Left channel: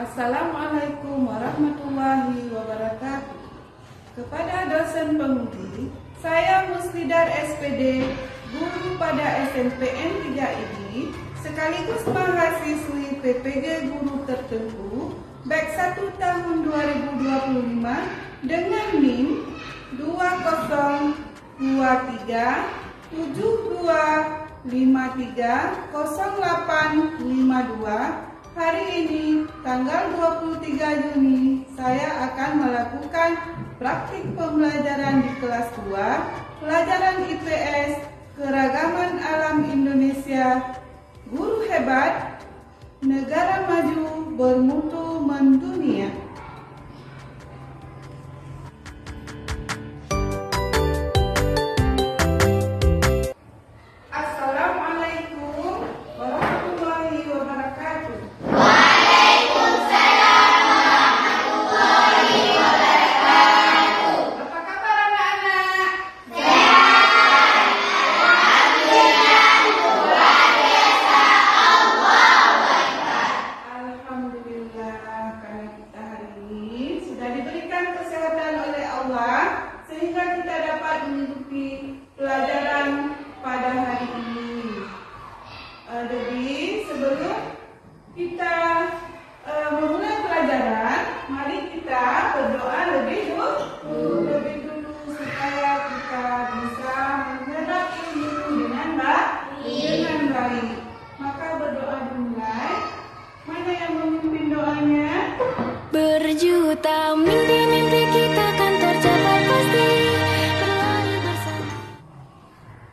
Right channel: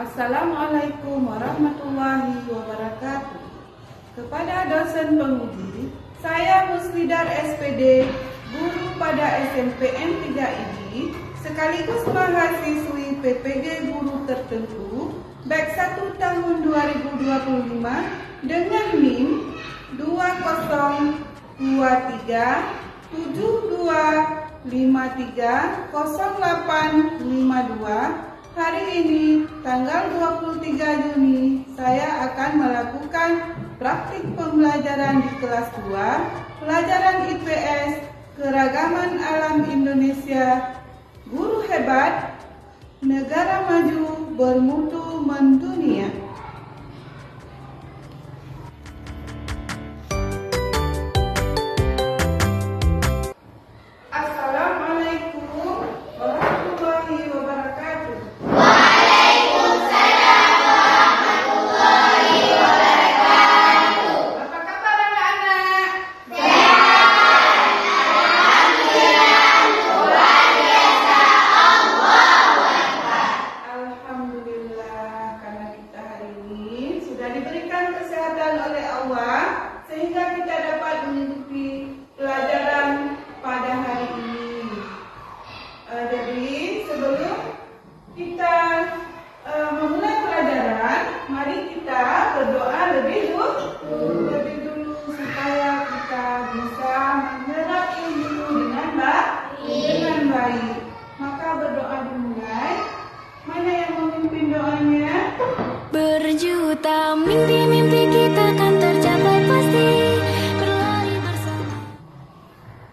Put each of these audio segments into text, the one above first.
Assalamualaikum warahmatullahi wabarakatuh. Kepada dosen penguji, saya Muslidah SPD, guru pada SMPN 3 ini, sekaligus mahasiswi PPG Guru Tertentu, batch 1 tahun 2025 dengan NIM 202372530852. Hari ini, tanggal 23 Juni, saya akan melakukan praktik pembelajaran di kelas 2, pelajaran IPS, Keragaman Alam Indonesia, Guru Hebat, Negara Maju Bermutu Mendunia. Assalamualaikum warahmatullahi wabarakatuh. Diberikan kesehatan oleh Allah sehingga kita dapat mengikuti pelajaran pada hari ini. Jadi sebelum kita memulai pelajaran, mari kita berdoa lebih dulu supaya kita bisa menyerap ilmu dengan baik. Maka berdoa dimulai. Mana yang memimpin doanya? Berjuta mimpi-mimpi kita akan tercapai pasti. Berlari bersama.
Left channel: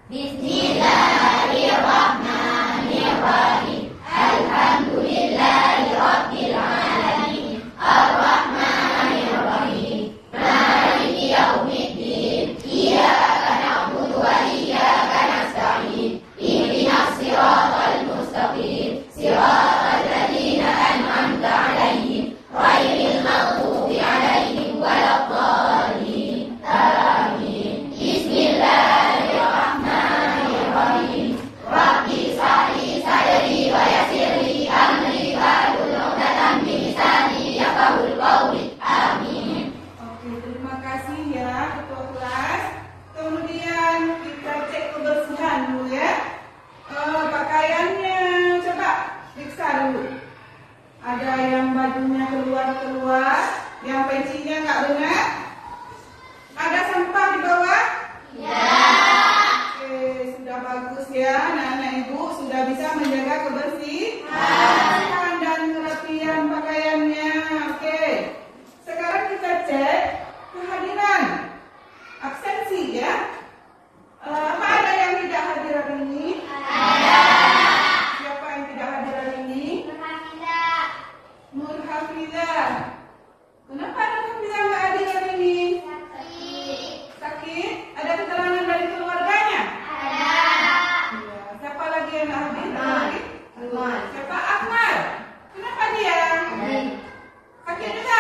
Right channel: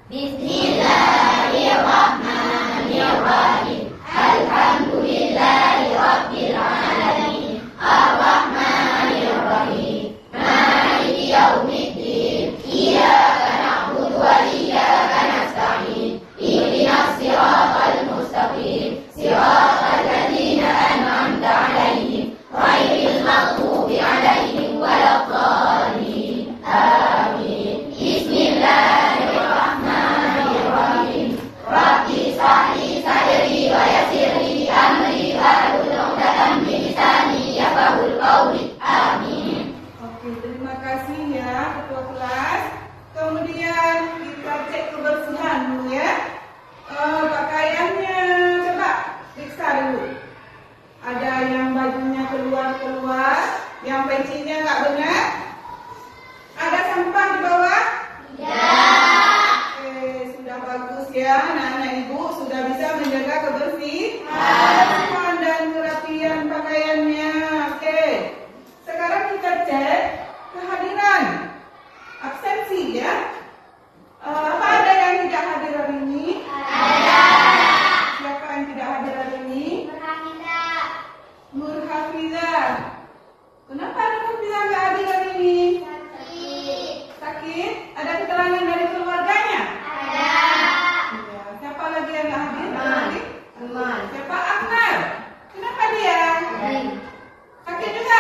Bismillahirrahmanirrahim. Alhamdulillahirabbil alamin. Arrahmanirrahim. Maliki yaumiddin. Iyyaka na'budu wa iyyaka nasta'in. Ihdinas siratal mustaqim. Siratal ladzina an'amta 'alaihim. Ghairil maghdubi 'alaihim waladdallin. Amin. Bismillahirrahmanirrahim. Rabbi shrah li sadri wa yassir li amri wahlul 'uqdatam min lisani yafqahul qawli. Amin. Oke, terima kasih ya ketua kelas. Kemudian kita cek kebersihan dulu ya. Pakaiannya coba periksa dulu. Ada yang bajunya keluar, yang pencinya nggak benar. Ada sampah di bawah? Ya. Oke, sudah bagus ya, anak-anak ibu sudah bisa menjaga kebersihan dan kerapian pakaiannya. Oke, sekarang kita cek kehadiran, absensi ya. Apa ada yang tidak hadir hari ini? Ada. Siapa yang tidak hadir hari ini? Nur Hafizah. Kenapa Nur Hafizah nggak hadir hari ini? Sakit. Ada keterangan dari keluarganya? Ada. Ya. Siapa lagi yang nggak hadir? Siapa? Ahmad. Kenapa dia? Sakit juga?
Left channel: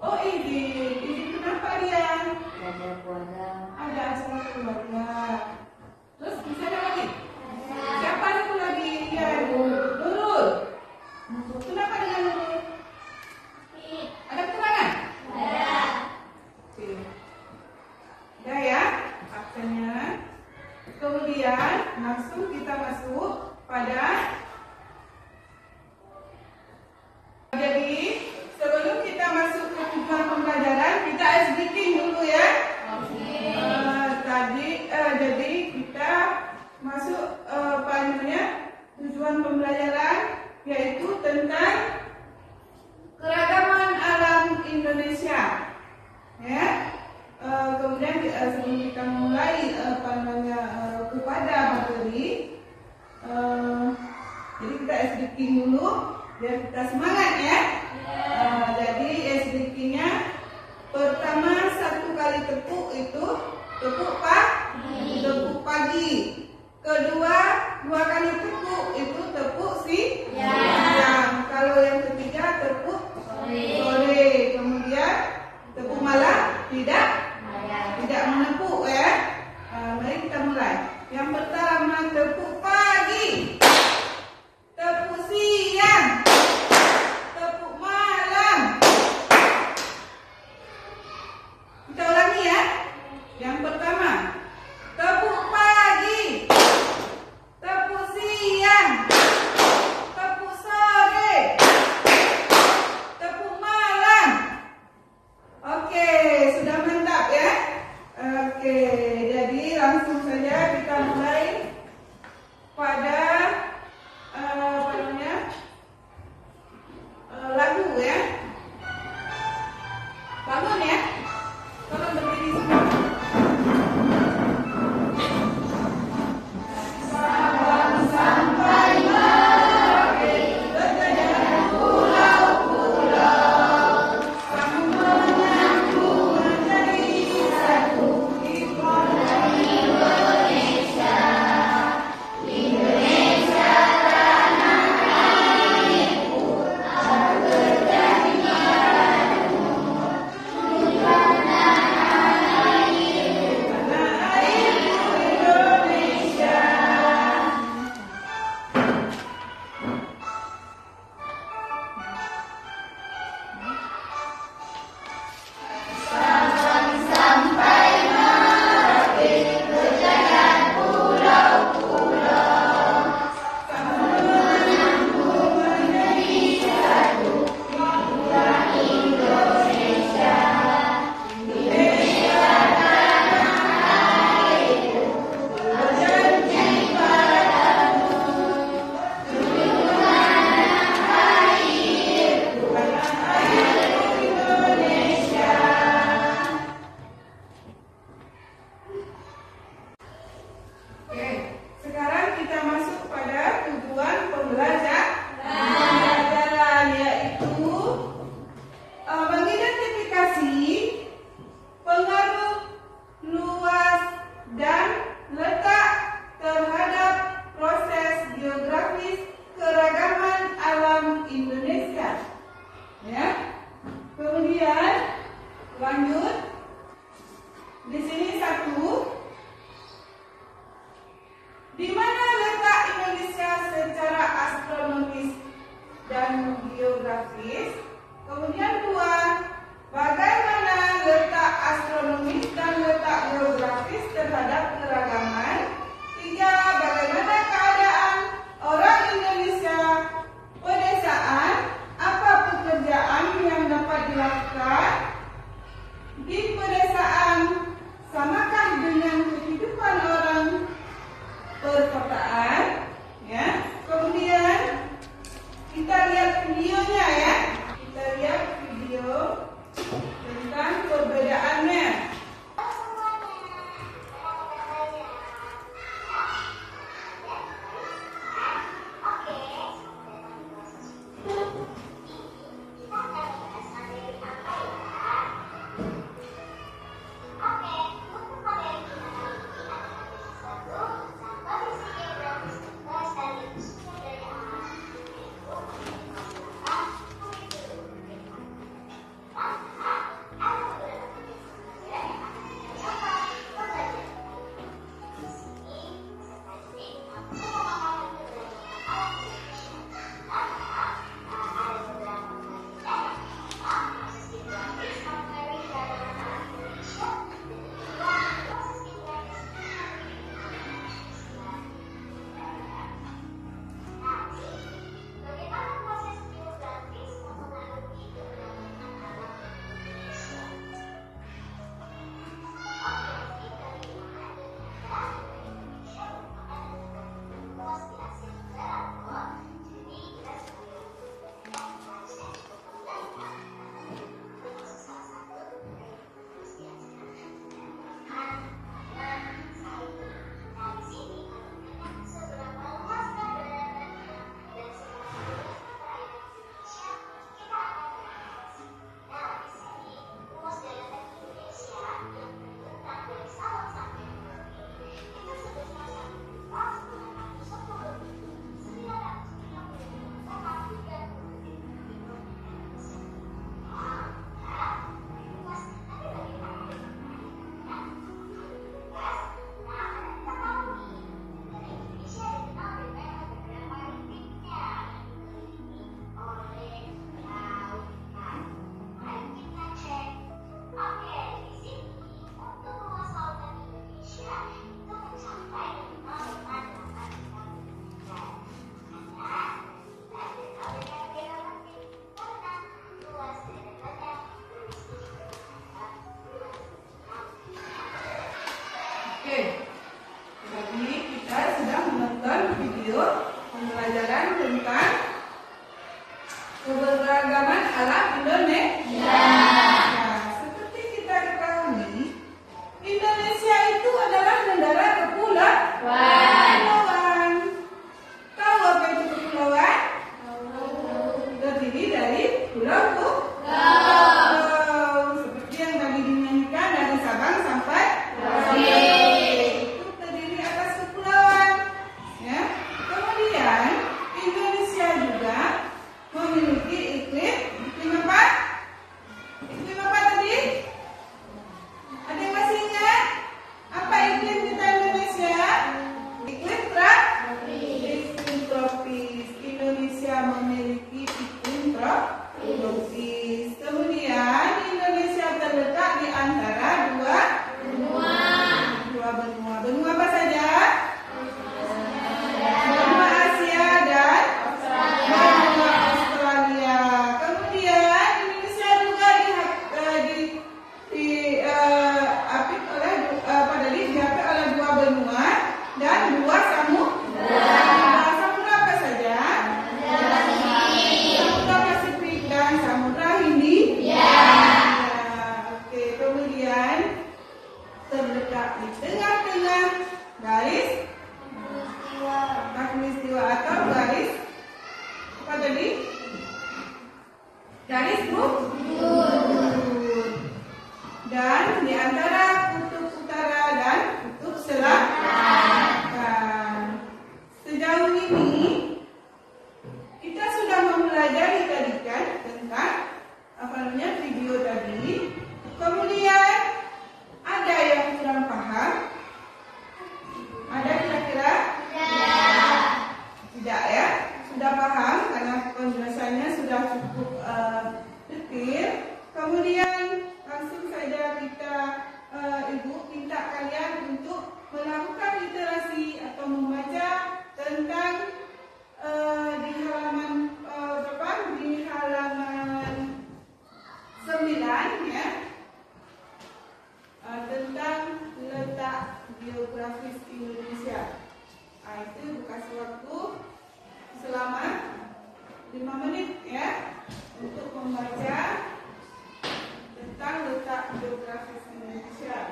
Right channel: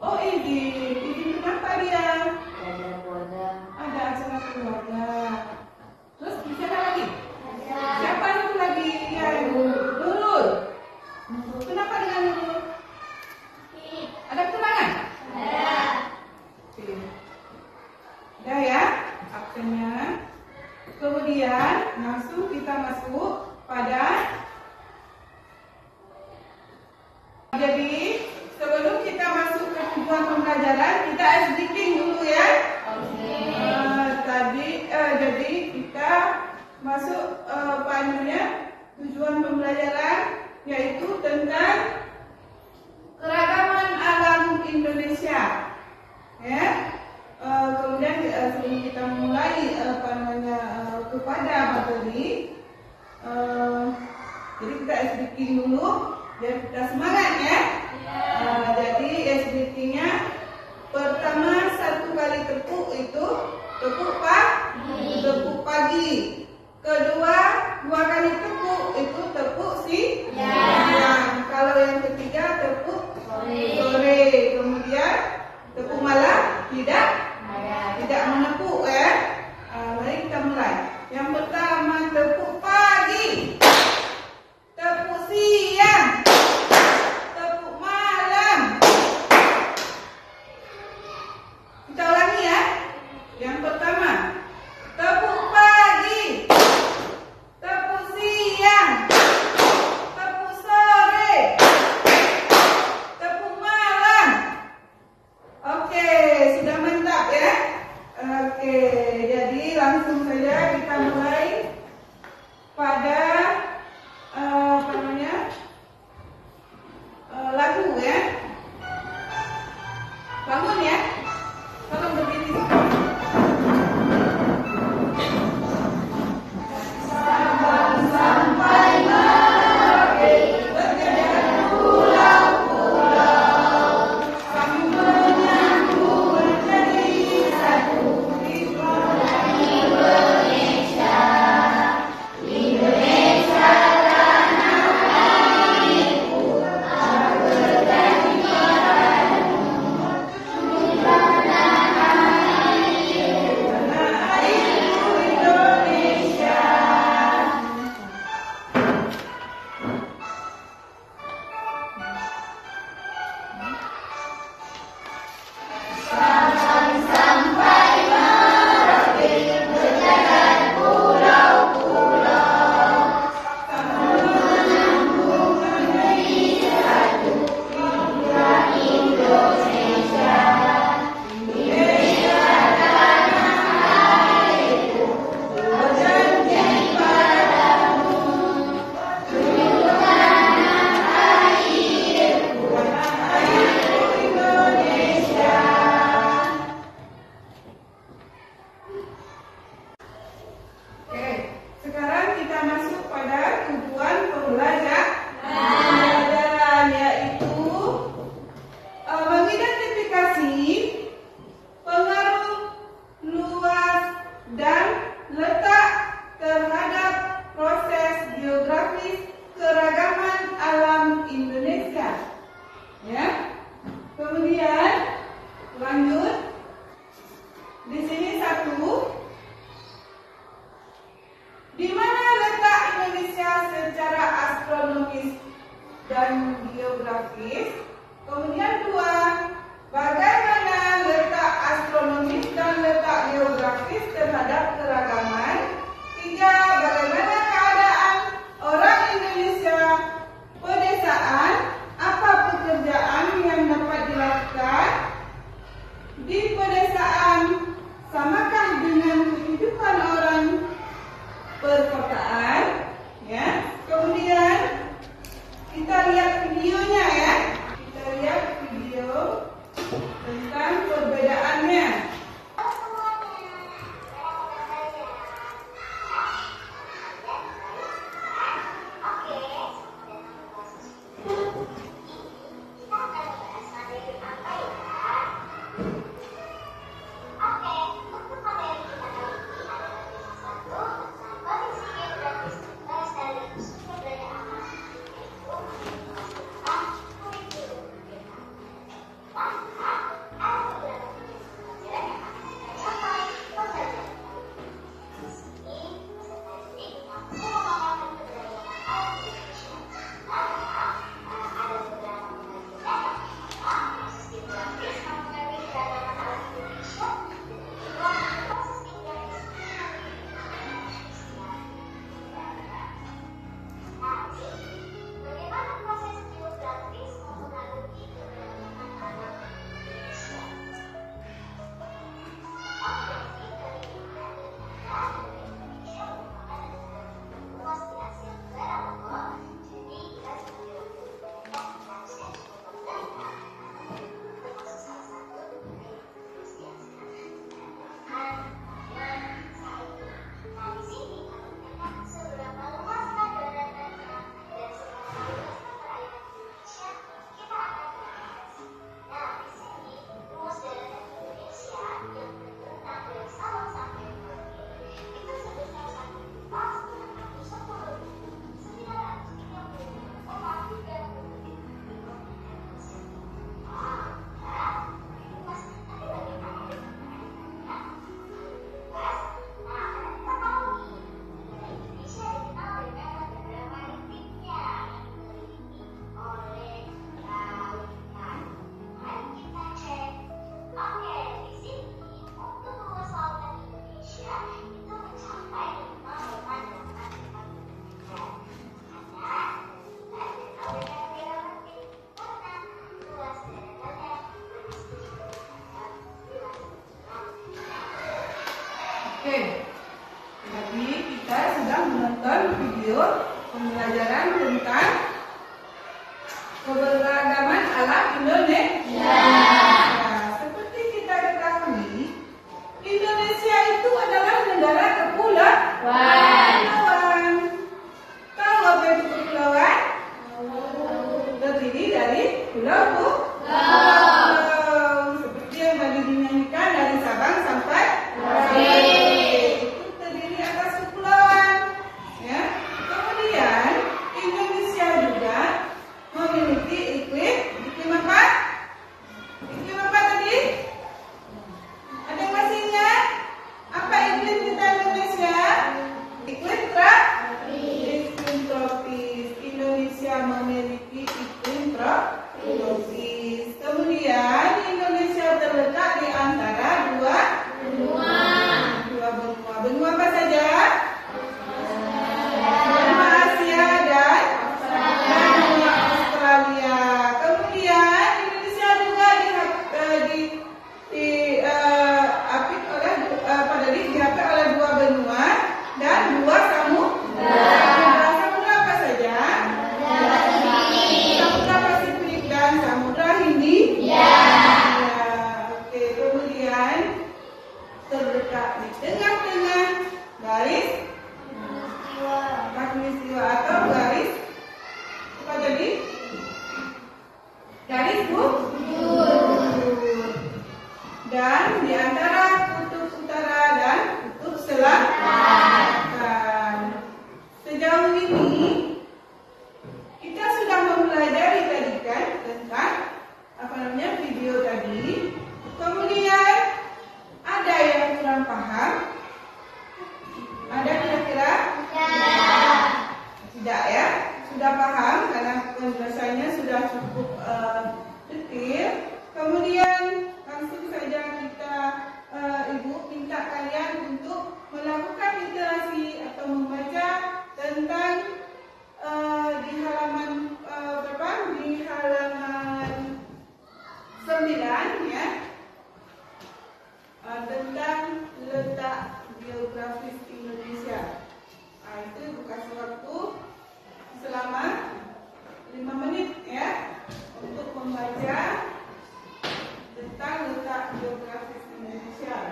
Oh, Izin kenapa dia? Ada acara keluarga. Terus siapa lagi? Siapa satu lagi? Ya, Nurul. Kenapa dengan Nurul? Ada keterangan? Ada. Oke. Udah ya, absennya. Kemudian langsung kita masuk pada. Jadi sebelum kita masuk ke tujuan pembelajaran, kita ice breaking dulu ya. Jadi kita masuk tujuan pembelajaran yaitu tentang keragaman alam Indonesia. Ya. Kemudian sebelum kita mulai kepada materi, jadi kita SDK dulu biar kita semangat ya. Jadi SDK-nya pertama 1 kali tepuk itu tepuk pagi. Kedua 2 kali tepuk itu tepuk siang. Kalau yang ketiga tepuk sore. Kemudian tepuk malam tidak menepuk ya. Mari kita mulai. Yang pertama tepuk pagi, tepuk siang, tepuk astronomis dan geografis. Kemudian 2, bagaimana letak astronomis dan letak geografis terhadap keragaman. 3, bagaimana keadaan orang Indonesia pedesaan, apa pekerjaan yang dapat dilakukan di pedesaan, samakah dengan kehidupan orang perkotaan, ya. Kemudian kita lihat videonya, ya. Kita lihat video tentang perbedaannya. Oke, jadi kita sudah menonton video pembelajaran tentang keberagaman alam Indonesia. Nah, seperti kita ketahui, Indonesia itu adalah negara kepulauan. Tahu apa itu kepulauan? Terdiri dari pulau. Seperti yang tadi dinyanyikan dari Sabang sampai Merauke. Itu terdiri atas kepulauan. Ya. Kemudian Indonesia juga memiliki iklim apa? Iklim apa tadi? Ada yang masih ingat? Apa iklim kita Indonesia? tentang di halaman berapa? Di halaman 9 ya. Tentang letak geografis Indonesia. Itu dikasih waktu selama 5 menit ya untuk membaca tentang letak geografis Indonesia.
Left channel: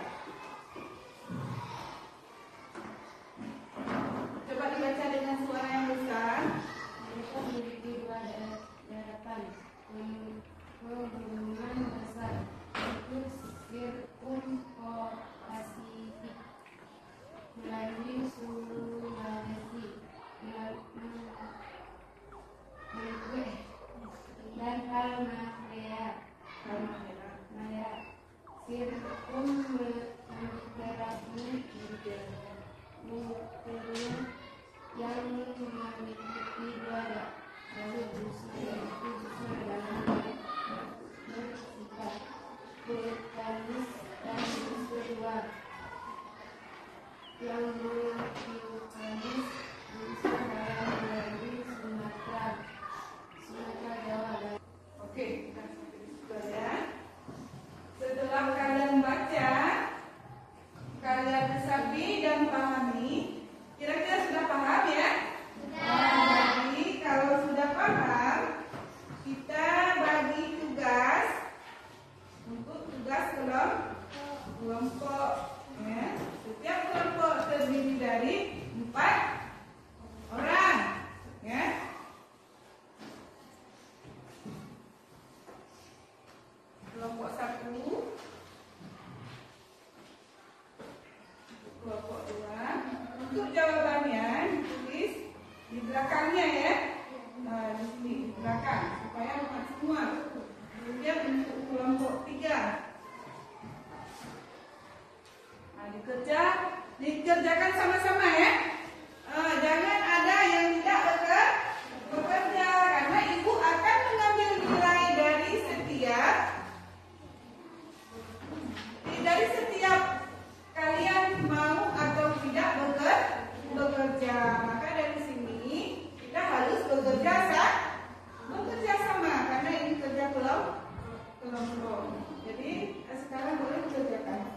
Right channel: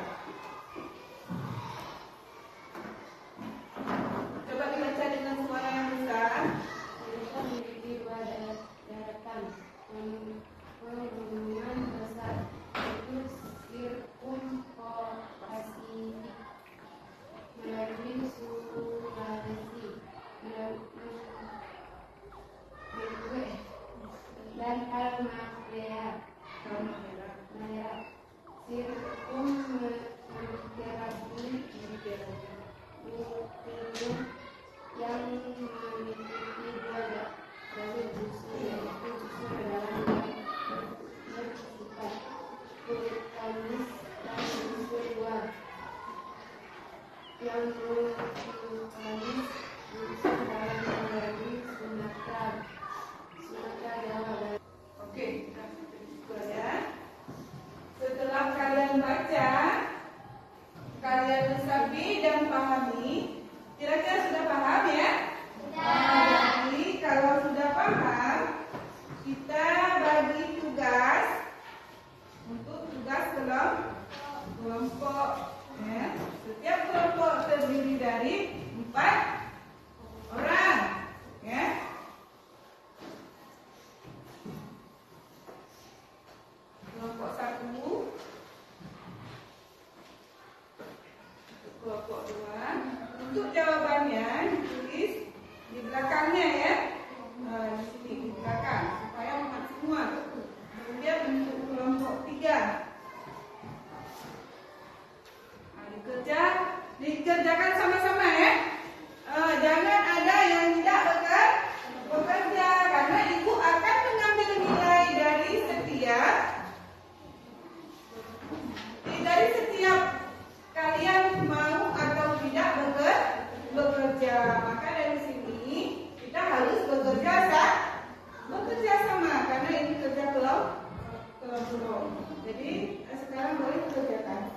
Coba dibaca dengan suara yang besar. Kita memiliki dua daratan pegunungan besar, yaitu sirkumpolasi melalui Sulawesi, Maluku dan Halmahera. Sirkum menggarapi yang meliputi dua jalur busur, yaitu busur dalam yang bersifat vulkanis dan busur luar yang vulkanis, busur dalam melalui Sumatera, Jawa dan Oke, kita coba ya. Setelah kalian baca, kalian resapi dan pahami. Kira-kira sudah paham ya? Jadi kalau sudah paham, kita bagi tugas untuk tugas kelompok. Ya. Setiap kelompok terdiri dari 4 orang. Ya. Kelompok 1, kelompok 2. Untuk jawabannya ditulis di belakangnya ya. Di sini di belakang supaya muat semua. Kemudian untuk kelompok 3, dikerjakan sama-sama ya. Jangan ada yang tidak bekerja karena ibu akan mengambil nilai dari setiap kalian mau atau tidak bekerja. Maka dari sini kita harus bekerja sama karena ini kerja kelompok. Jadi sekarang boleh dikerjakan.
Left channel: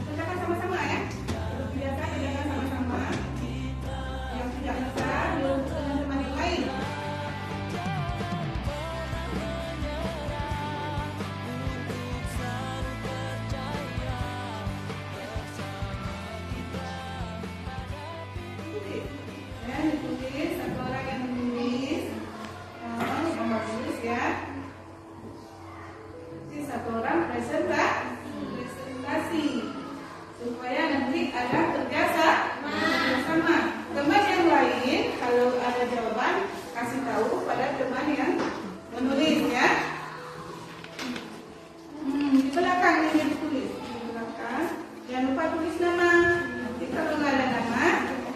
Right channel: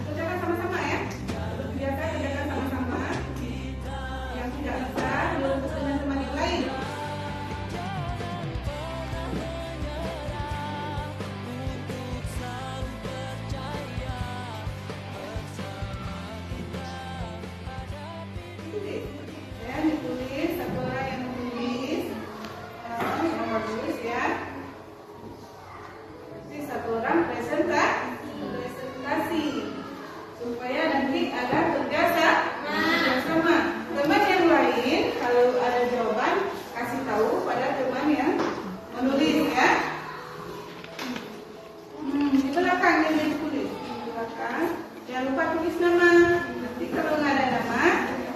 Kerjakan sama-sama ya. Biasa kerjakan sama-sama. Yang tidak bisa belum teman-teman yang lain. Ditulis satu orang yang menulis yang bagus ya. Nanti satu orang presentasi supaya nanti ada kerja sama. Teman yang lain kalau ada jawaban kasih tahu pada teman yang menulis ya. Di belakang yang ditulis di belakang. Jangan lupa tulis nama. Nanti kalau nggak ada nama,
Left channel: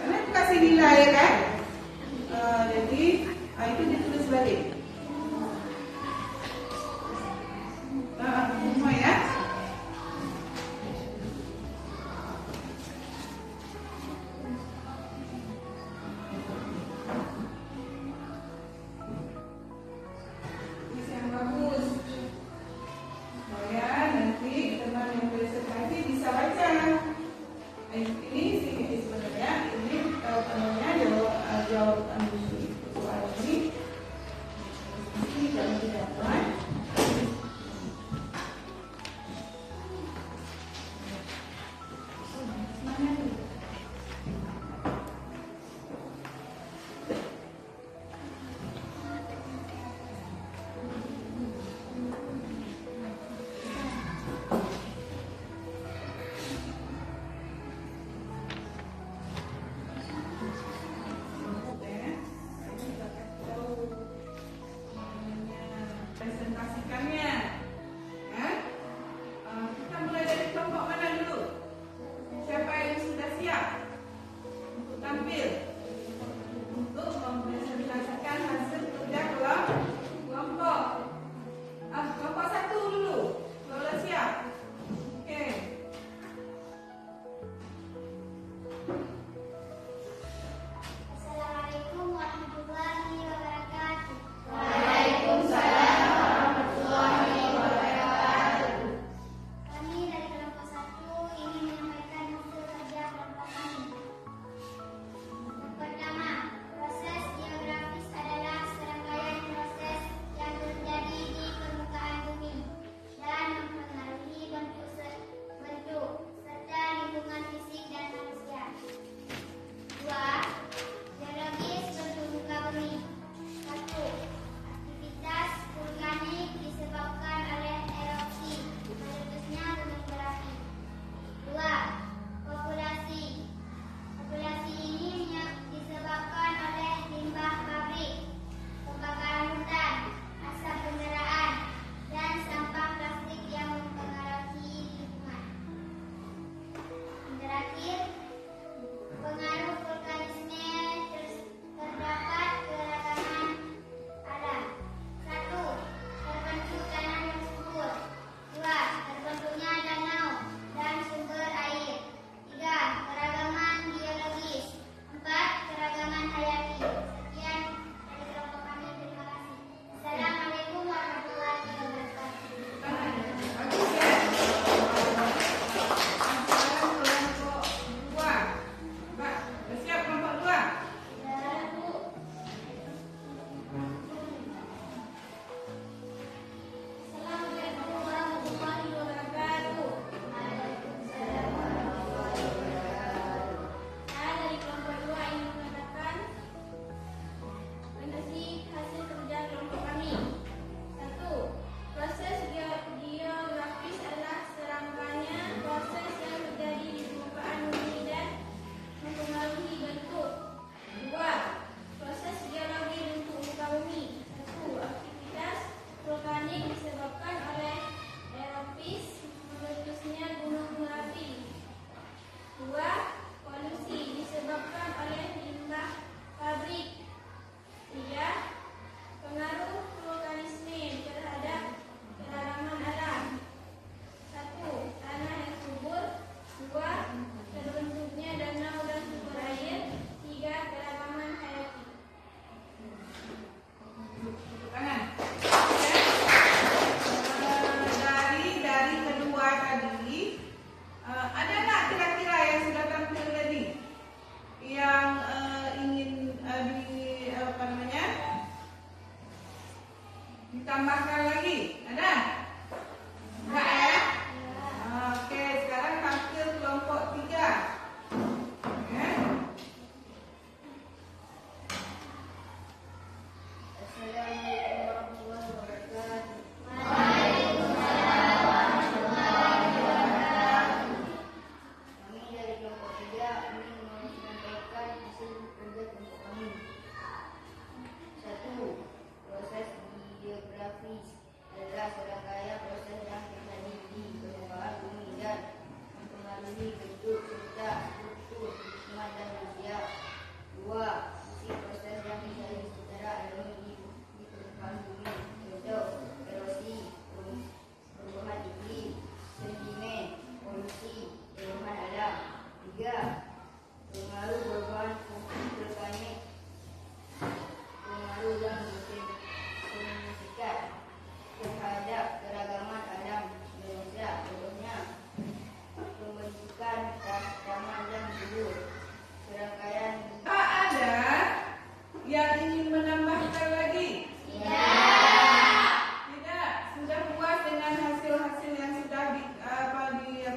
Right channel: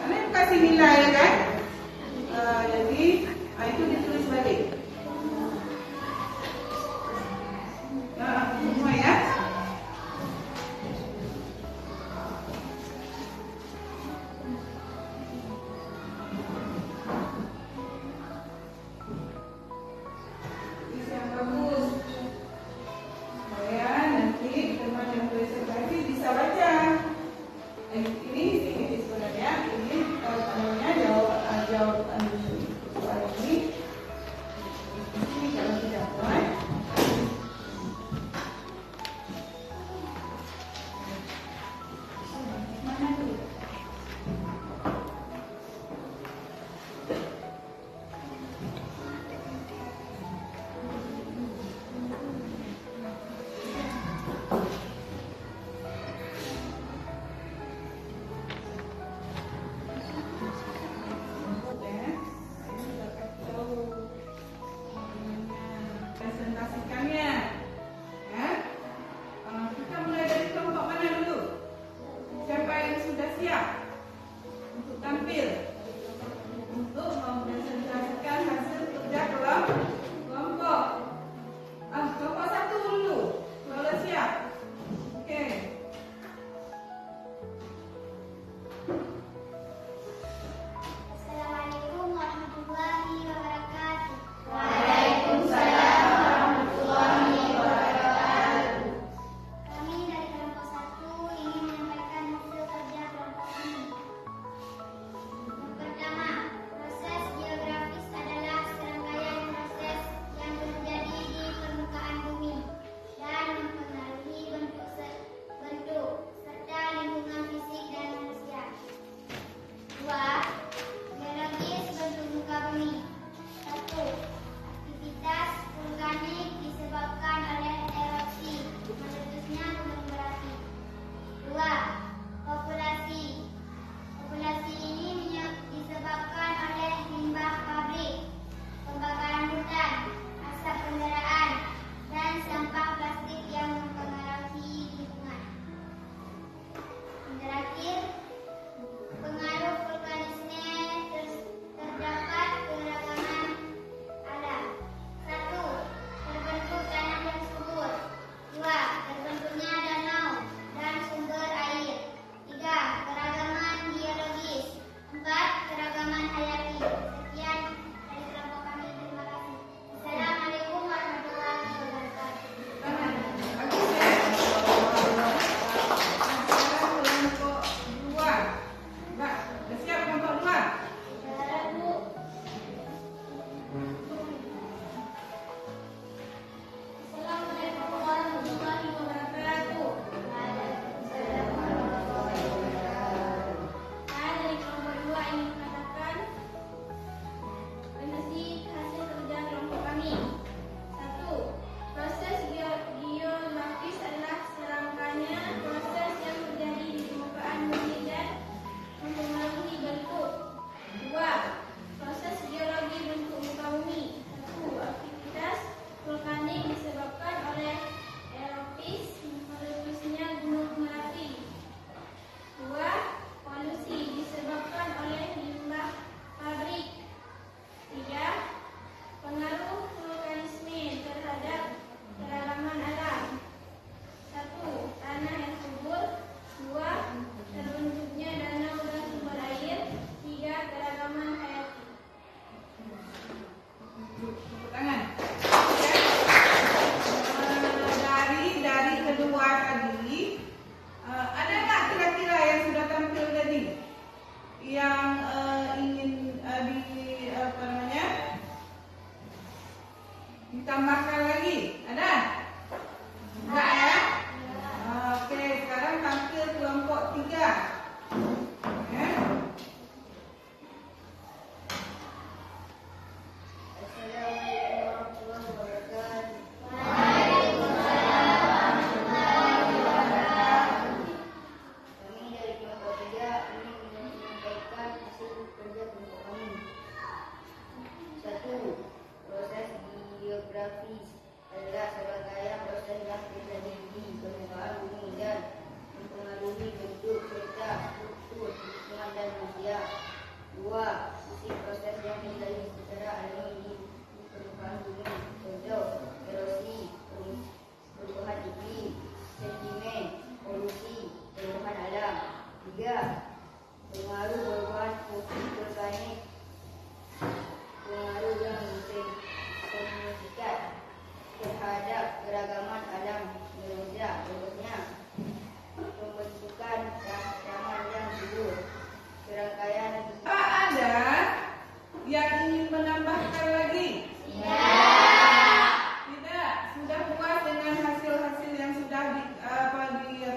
karena itu kasih nilai kan. Jadi itu ditulis balik. Semua ya.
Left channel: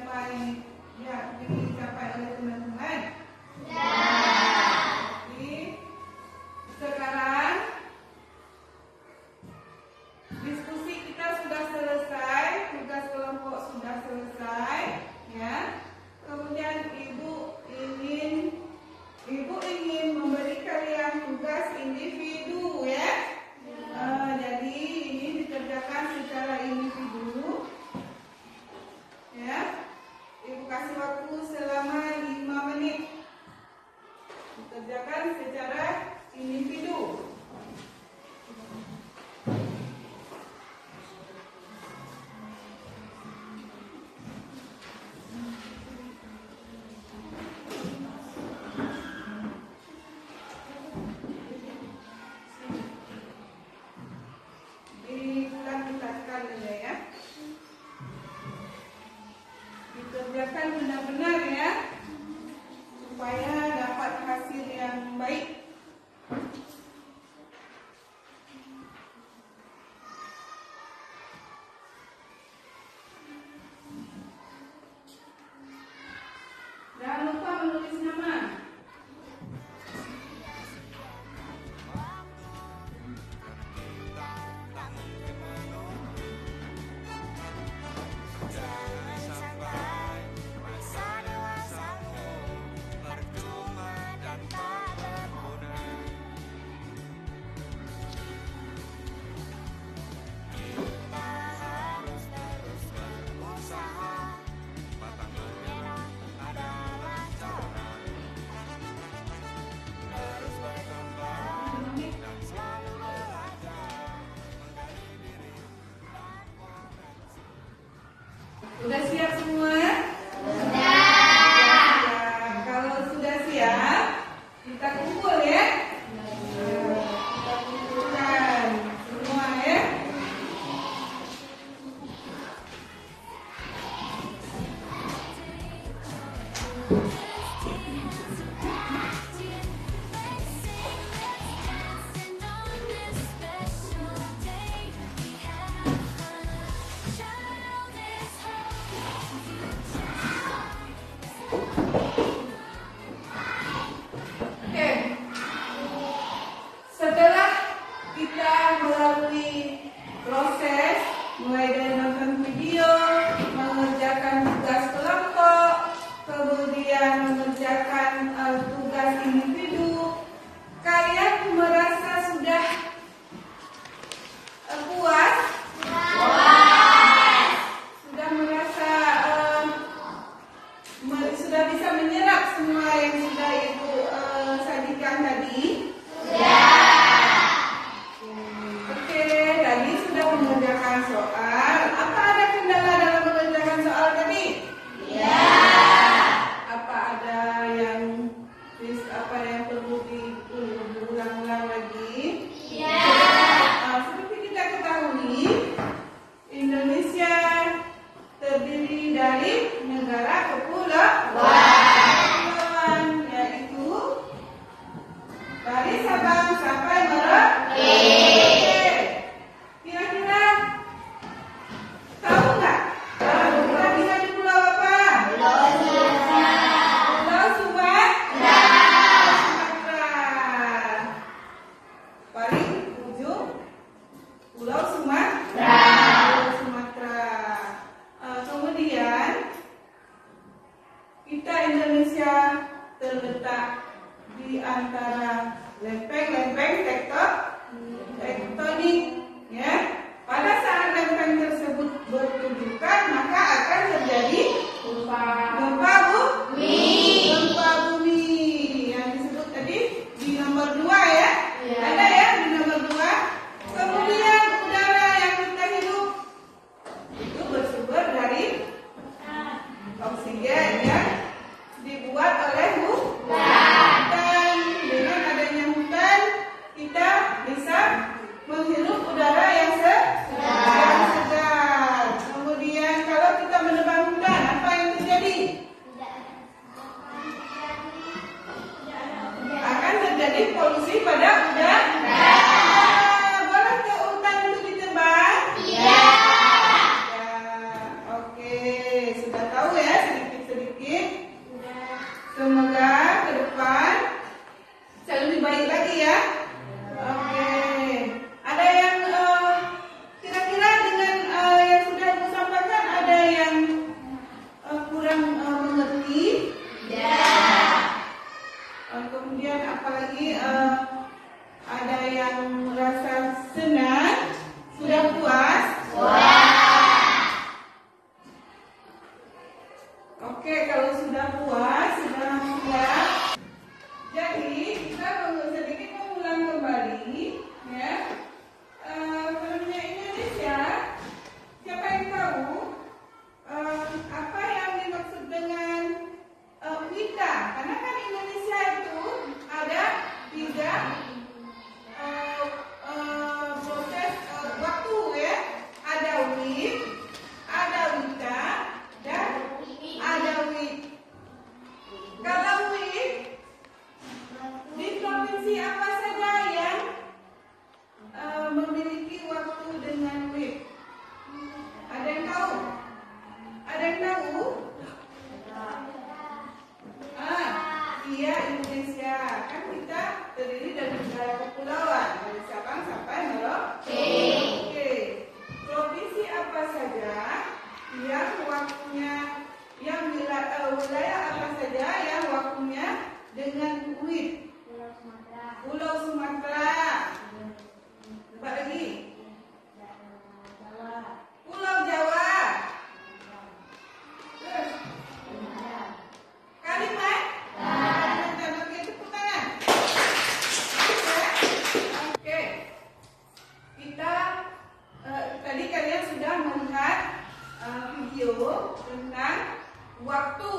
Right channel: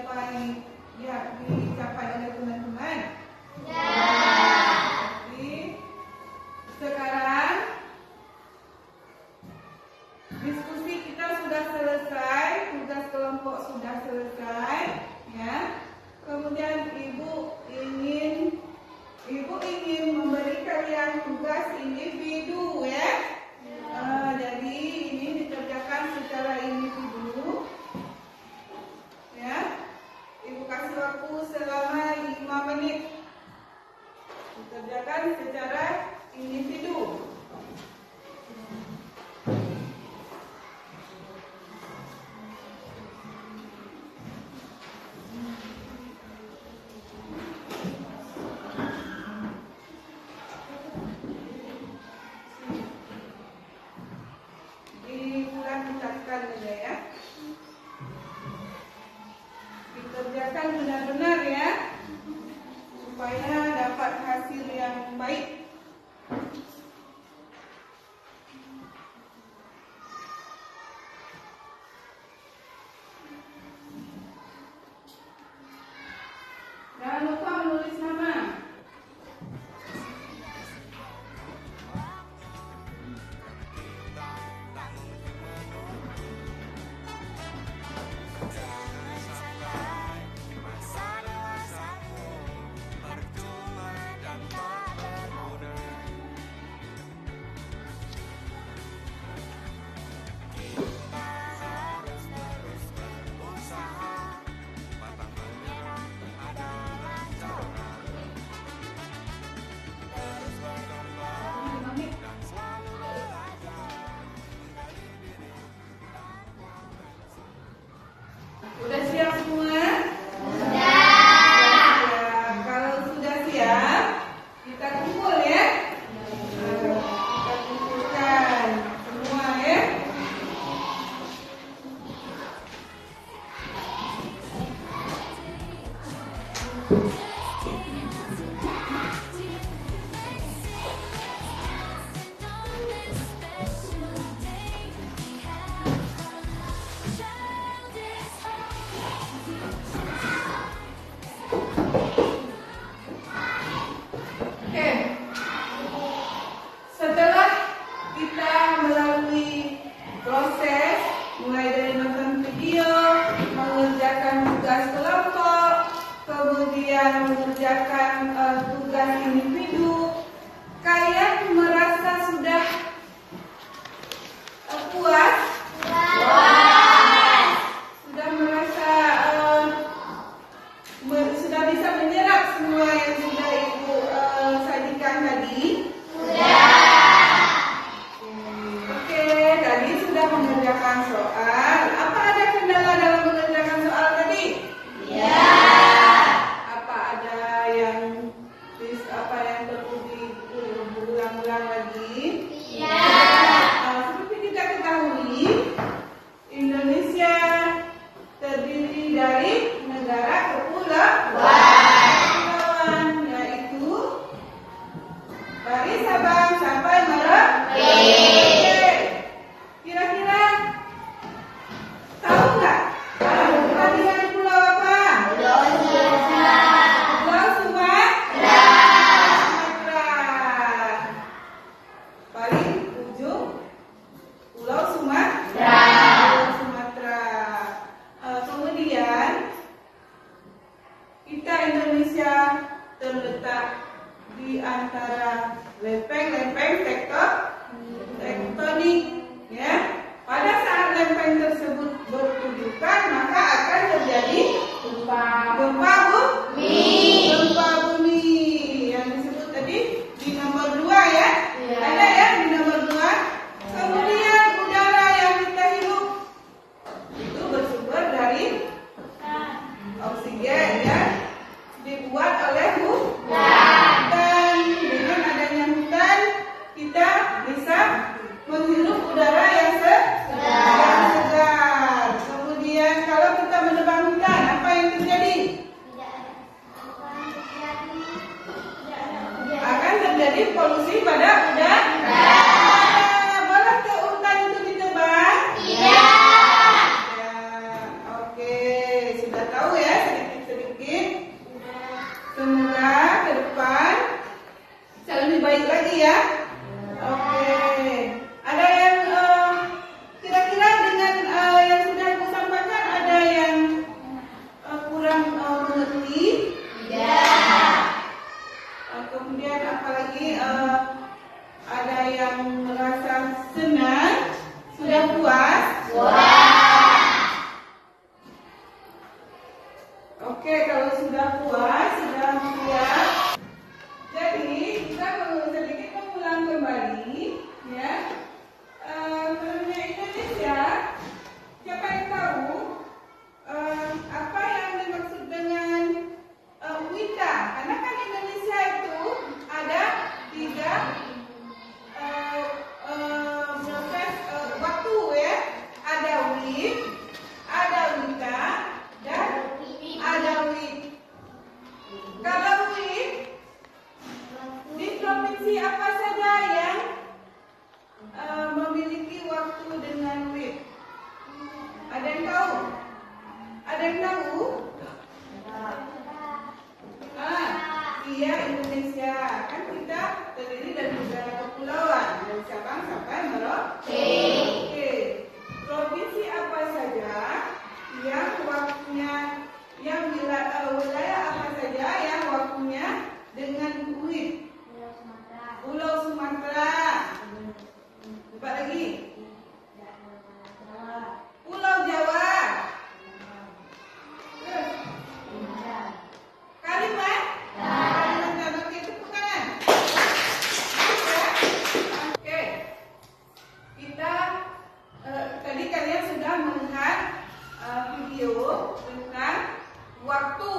dicapai oleh teman-teman? Sekarang diskusi kita sudah selesai, tugas kelompok sudah selesai, ya. Kemudian ibu ingin memberi kalian tugas individu, ya. Jadi ini dikerjakan secara individu, ya. Ibu kasih waktu selama 5 menit. Dikerjakan secara individu. Dikerjakan benar-benar, ya, supaya dapat hasil yang baik. Jangan lupa menulis nama. Jangan sampai masa dewasamu percuma dan tak berguna. Kita harus terus berusaha, pantang menyerah adalah cara. Terus berkembang dan selalu belajar, menggali diri dan potensi. Udah siap semua? Sudah. Ya, kalau sudah siap, kita kumpul, ya. Kita kumpulkan semua, ya. Oke. Setelah kita melalui proses mulai dari nonton video, mengerjakan tugas kelompok, kemudian mengerjakan tugas individu, kalian merasa sudah puas? Sudah merasa sudah bisa menyerap semua yang sudah ibu sajikan tadi? Oke, tadi sudah mengerjakan soal. Apa ada kendala dalam mengerjakan soal tadi? Apa ada yang wit, ada wita, dan ada wit. Kalau wit, di provinsi apa saja yang memiliki waktu dengan wit? Ada yang tahu? Ada yang tahu? Iya, Indonesia. Kan kita terdiri dari negara kepulauan, dari Sabang sampai Merauke. Oke. Provinsi apa saja yang waktunya, yang wilayah apa saja yang waktunya dengan wit? Pulau Sumatera. Coba lagi. Pulau Jawa. Kalimantan. Oke, tepuk tangan. Oke. Kita tadi kalian sudah melihat video tentang waktu,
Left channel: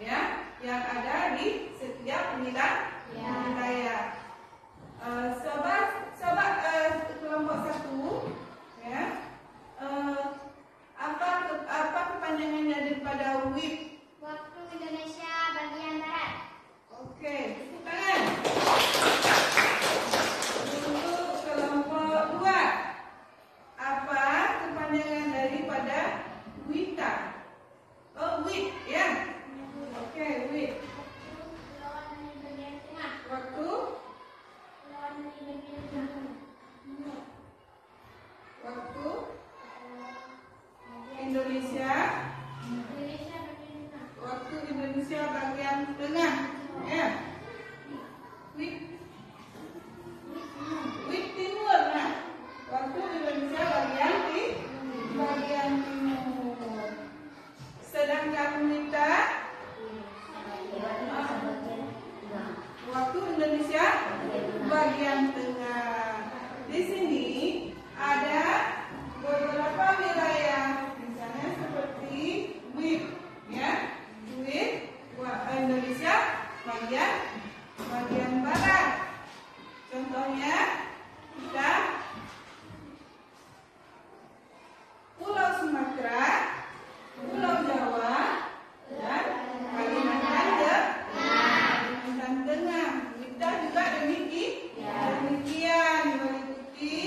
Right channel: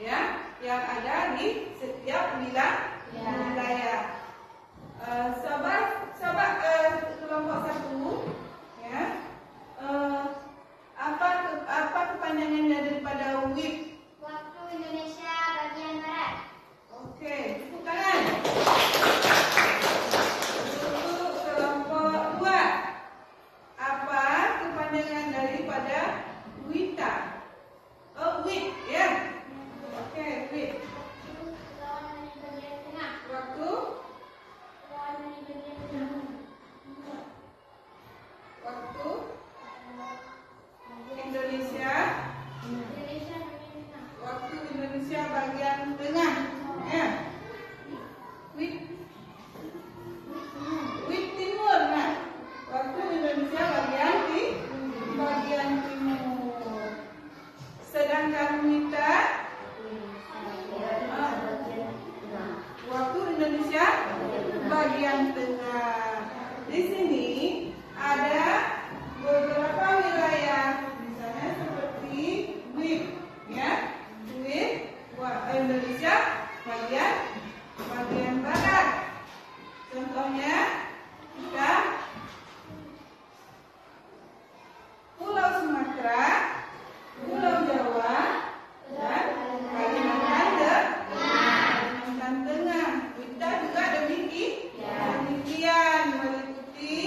ya, yang ada di setiap wilayah. Sobat kelompok 1, ya, apa kepanjangannya daripada WIB? Waktu Indonesia bagian barat. Oke, tepuk tangan. Untuk kelompok 2, apa kepanjangan daripada WITA? Oh, WIT, ya. Oke, WIT. Waktu Indonesia. Waktu Indonesia bagian tengah, ya. Wit timur, nah. Waktu Indonesia bagian timur. Sedangkan Wita, waktu Indonesia bagian tengah. Di sini ada beberapa wilayah, misalnya seperti WIB, ya. WIB Indonesia bagian barat. Contohnya kita Pulau Sumatera, Pulau Jawa, dan Kalimantan Tengah. Kita juga demikian meliputi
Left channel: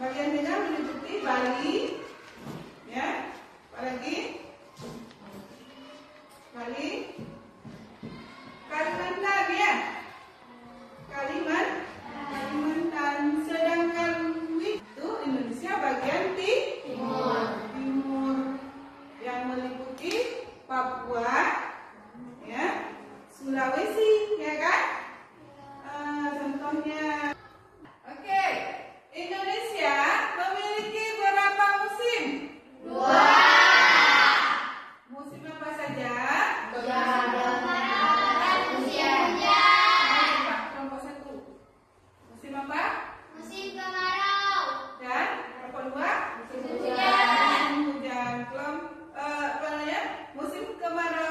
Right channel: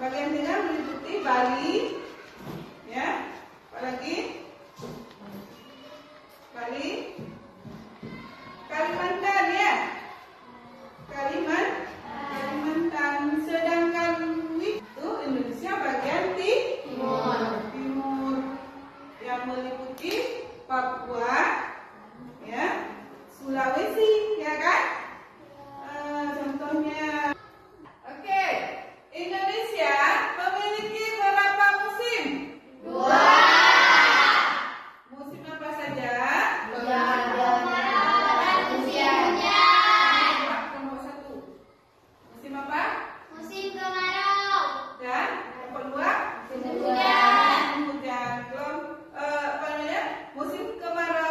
bagian tengah, meliputi Bali, ya. Apalagi Bali, Kalimantan, ya. Kalimantan. Sedangkan itu Indonesia bagian timur, yang meliputi Papua, ya, Sulawesi, ya kan? Contohnya. Oke, Indonesia memiliki berapa musim? 2. Musim apa saja? Kelompok 1. Musim apa? Musim kemarau. Dan kelompok 2? Musim hujan. Musim hujan. Musim kemarau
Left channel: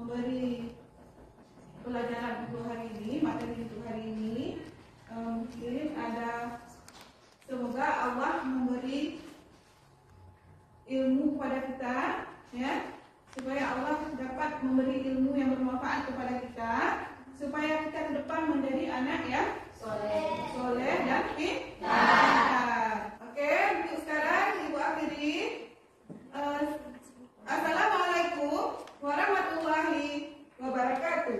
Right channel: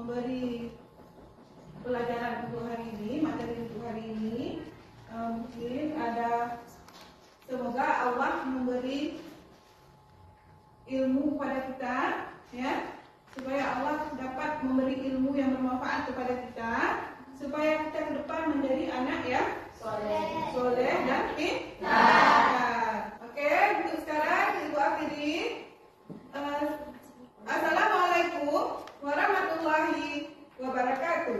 memberi pelajaran untuk hari ini, materi untuk hari ini. Mungkin ada, semoga Allah memberi ilmu kepada kita, ya, supaya Allah dapat memberi ilmu yang bermanfaat kepada kita, supaya kita ke depan menjadi anak yang soleh dan pintar. Oke, untuk sekarang Ibu akhiri. Assalamualaikum warahmatullahi wabarakatuh.